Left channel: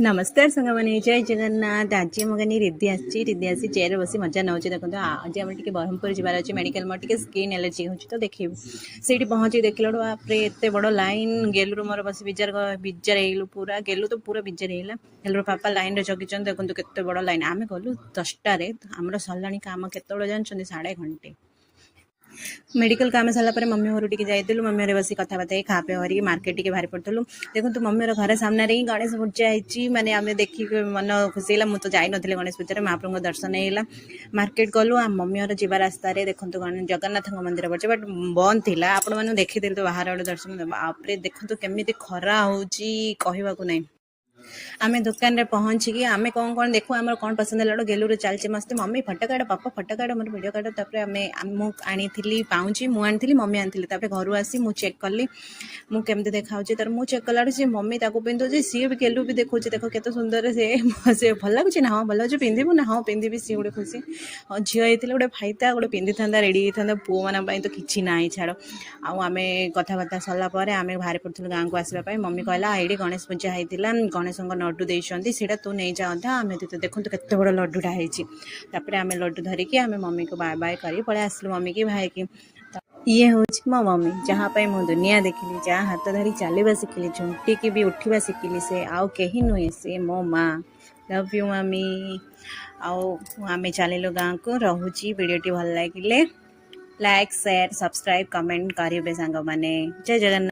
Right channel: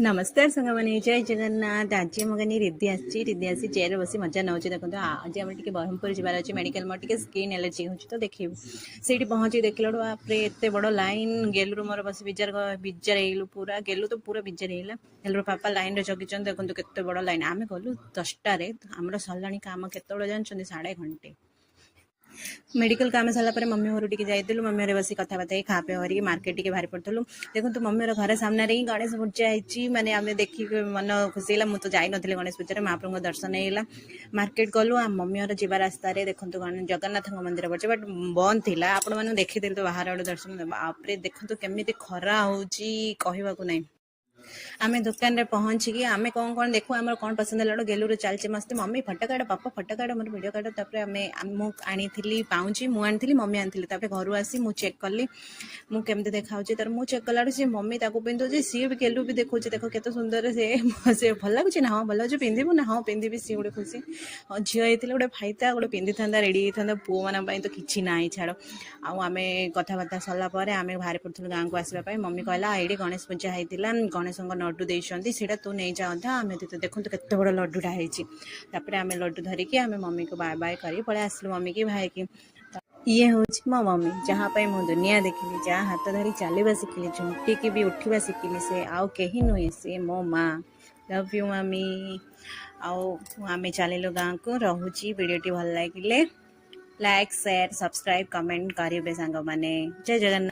नमस्कार सांगमाने जय जगन्नाथ। आज मुझे रिद्धि आसी चेयर बसी मजा नौ देखो आज आम टे ब्रह्मपुर जबार अच्छे मेडिकल मोर टे स्किन एलर्जी हो तो देखी से पहुँची देखल बापरे एत बड़ लाइन गेलु मोर बस बिजार हो पूरा गेलु तो पूरा बिजार है गेलुर पापा लाइन जगी देखो केत बड़ लाइन आम गलु 10टार आमर सरला कम केत जानते 1.5 घंटे मेडिकल काम सारापर मम्मी घर टी जाइलु मम्मी घर बस कथबार्ता खा पे हर मार्केट टी बाहर पड़ू देखो मम्मी घर सामने ही गणेश पूजा होती माने आम देखिक मन खुशी है मुझे जाई नी गणेश पूजा महाप्रभु दर्शन है मार्केट गलु आ मम्मी घर जी रास्तार देखो जगन्नाथ मंदिर पड़े बट बंद थी आपण मैंने देखी तो बाहर आड़े दर्शन आपरे देखो केमी खरा हो नहीं आमे दुकान रे पहुँचिकी आमे कौन देखू आम कौन पसंद है गेलु चलचे मस्ते मम्मी फटकाड़ पापा फटकाड़ मोर वीडियो काट तापर आनी पाउची मुझे मम्मी आनी घर आसी मु चेक कली मुझे देखा तर मुझे चेक कला सी मम्मी ताको पिंधुची सी भी गेलु भी देखो देखो केत सुंदर से भल लगुच ना हाँ भल अच्छे पिंधु ना हाँ पिंधि सी गोटे खुशी झील होता गोटे फाइता गोटे पिंधि था रेडी होता पुओ मान तो किसी ना छाड़ आम कथबार्ता सरला आम बाहर पड़ू गाँव को आसवाई मम्मी कहला ये गणेश पूजा होता गणेश लड्डू देते सीटा तू नहीं जाता आम देखो केत बड़ लड्डूटा होपर आम लड्डू धरिकी आम मम्मी को बाय बाय कर पलि आसलु मम्मी की भाई की ये हूँ मो मम्मी जहाँ मु दुनिया देखिली जहाँ हाथ धरी चलवा शिखिली झुंटिकी भी उठा शिखिली से आउ कहीं नुहे से मो माँ लव यू मम्मी आम चलू गाँव को रोची वीडियोटी भल लगे लाइक शेयर सब्सक्राइब कमेंट करेंगे सांग मैंने जय जगन्नाथ।